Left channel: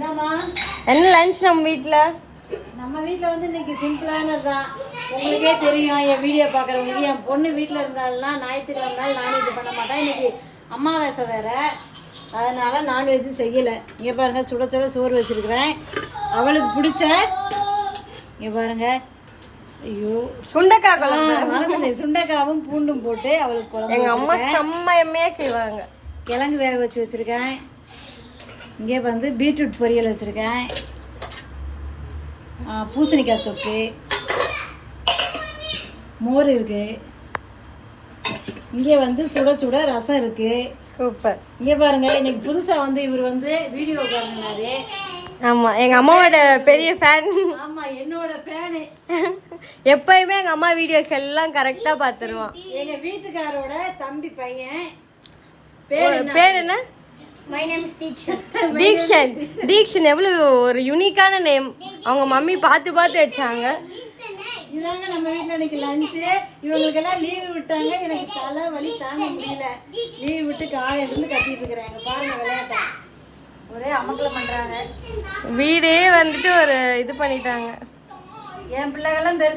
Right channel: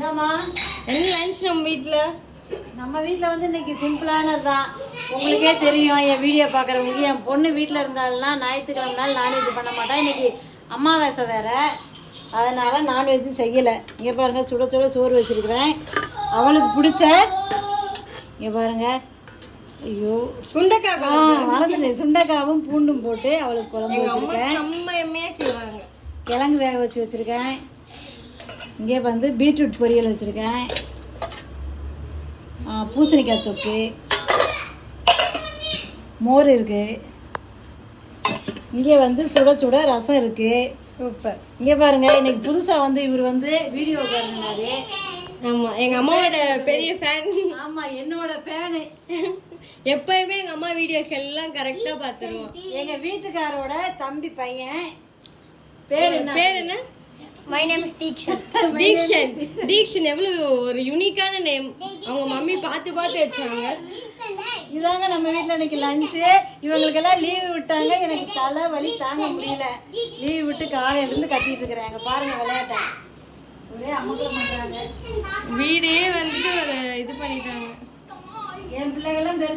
என்ன லஞ்ச் நம்ம வீட்ல? நம்ம வீட்ல வந்து இன்னைக்கு சிம்பிளானதுதான். உங்களுக்கே தெரியும், என் வீடியோ பாக்குறவங்க. என் பொண்ணு வீட்டுல இருந்தாலும்னா ஞாயிற்றுக்கிழமை நாள் நான்வெஜ் பண்ண மாட்டேன். இன்னைக்கு அமாவாசை வேற, அதனால நான்வெஜ் செய்யல. இங்க பாருங்க, சுட சுட சோறு வச்சிருக்கிறேன். அவளுக்கு பிடிச்ச இங்க பாருங்க, ஐயோ சுண்டைக்காய் சுண்டைக்காவும் பூண்டும் போட்டு அவளுக்கு குழம்பு. எங்க அம்மா செம்மையா செய்வாங்க. கிழங்கு வேக வச்சு வச்சிருக்கேன். இங்கே வந்து பீட்ரூட் பொரியல் வச்சிருக்கேன். பூசணிக்காய் தொக்கு, மோர் இருக்கு. இங்கே வந்து சுட சுட ரசம் இருக்கு. சூப்பர். இங்கே பாருங்க, இன்னைக்கு புதுசா வந்து இவர் வந்து வீடியோ பாருங்கனாரு. ஆமா, எங்க அம்மாவோட பெரிய ஃபேன். ஆமா, என்னோட ஃபேனு. எப்பயுமே எங்க அம்மா வீடியோஸ் எல்லாம் கரெக்டா பாத்துருவான். எங்க வீட்டுக்காரோட தம்பி பையன். பேர் என்ன? My name is Deekshan. Deekshan எவ்வளவு ஒரு யூனிக்கான நேம். அவங்க மம்மி பார்த்து பார்த்து வச்சாங்க. இதாங்க நம்ம வீட்டுல இன்னைக்கு லஞ்சு. இவங்களுக்கு எல்லாம் லீவு விட்டாங்க. எனக்கு தலை வலி தாங்க முடியல. லீவு விட்டு காலையில இருந்து கத்திட்டு இருக்கிறாங்க. பாருங்க விளையாட்ட, ஒரே அமக்கலம் பண்றாங்க. வீடே வந்துட்டு ஒரு இது பண்ணிட்டாங்க. என் பிள்ளைகளும் பெருசு